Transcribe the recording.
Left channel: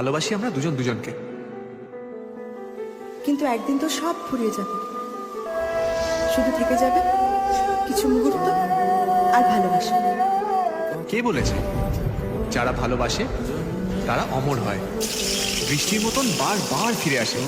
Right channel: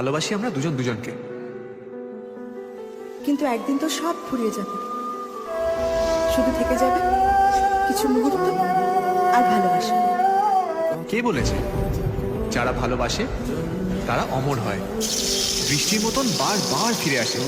ভালোবাসি আমরা দুজন দুজনকে। কিন্তু একদিন তো সব ফুরিয়ে যাবে, শুধু থেকে যাবে কিছু মুহূর্ত আর ভালোবাসা। কে বলেছে যারা ভালোবাসে তারা অমর হয়, বৃষ্টির মতন বারবার ফিরে আসে?